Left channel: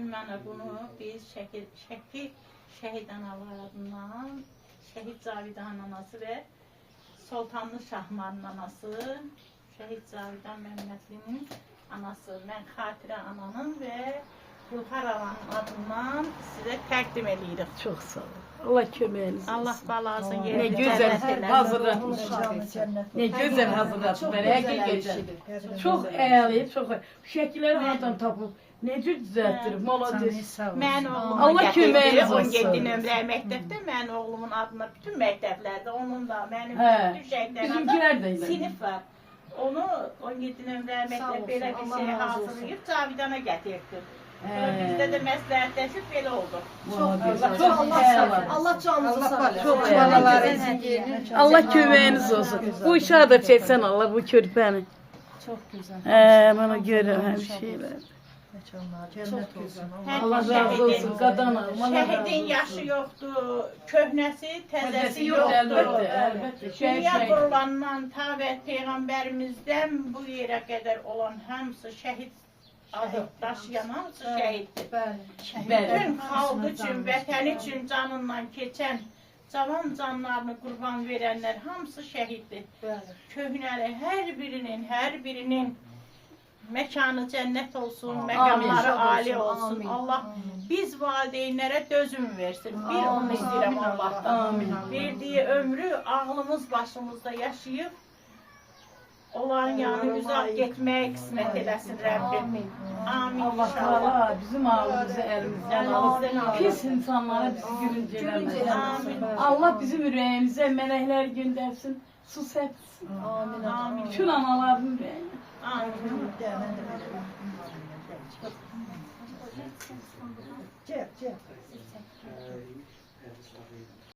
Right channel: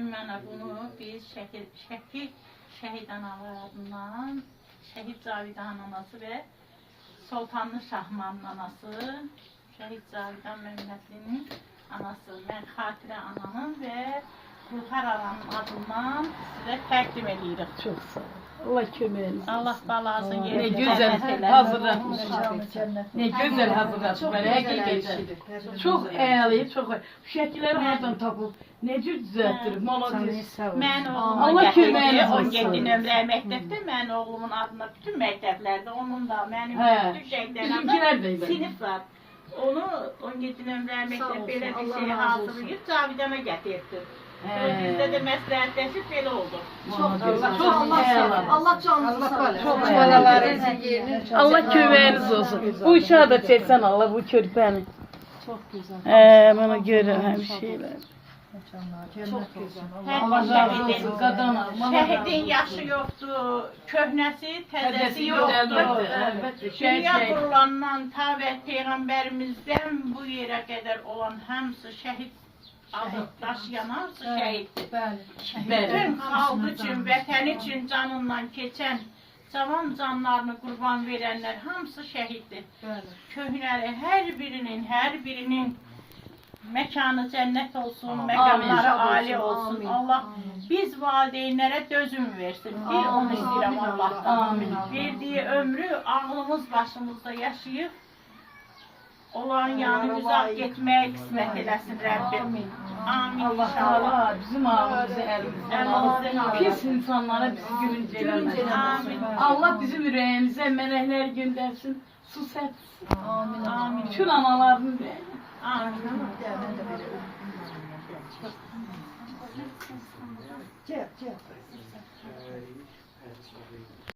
Ümumən bunu biz şəhid analarından, şəhid Cavidan anası və Sultanlı Şahmarın anası, şəhid Cavidan Məhəmmədlinin anası, mən Xatirə ananın və Gülxar ananın adından sizə təqdim edirik. Çox sağ ol. Allah köməyiniz olsun. Allah balasını Ne yerine güzel cənnət hazırlatmış. eləsin. Ne güzel hazırlatmış. Həqiqətən. Çox əyali, çox. Bu şəkilləri hardan tapıb, necə düzəltdirib, malades. Mən Allah oğlumun köməyiniz olsun. 17 nömrə məktəbdə, mən oğlumun adına bütün məktəblərdə, onun da, mənim Hə, bütün şəhidlərin bizimkilər də adına elə. sinif var. Onu 17 nömrə məktəb belə bir şey hazırlayıb Cavidana gətirdi. Bizdə də məsləhətləşib belə oldu. Çox əyali. Allah canınızı sağ olsun. Çox Balalarınızın yerini Allah köməyiniz olsun. Bu uşağı da çəksən Allah bu körpəni. Çok güzel. Bana görür hər şeylər. Çok güzel. Allah razı olsun. Qadan Allah razı Şəhidin olsun. yaşı yoxdur, köhnəsi, təzəsi Təzəsi yoxdur. əlbəttə, əlbəttə. Dünya qurulandan ta və Peyğəmbərimizdən bu yerə qədər olan hamısı şəhid adı daşıyan hamısı şəhiddir. Bütün xalq üçün, vətən üçün canından keçən, cavan canlarını qurban verənlər hamısı şəhiddir. Köhnəli hər birinin məkanı cənnət olsun, məqamları ali olsun. Allah biz valideynlərə dözüm versin. Bir onu istəyirəm Allahdan. Verdiyi ömrü ağlımız başımızda yaşayıb, onların yanı uzaq getməyə qismət eləsin Rəbbim. Amin Allah inşallah. Teala bizim ağzımızı elimizden Elimizden alır. alır. Pis insanlara bizi gülünç eləməsin. Amin. Allah bizim ürəyimizə mələklər göndərsin, su səpsin. Amin. Amin. Bütün anaların ürəyinə. Amin. Gel.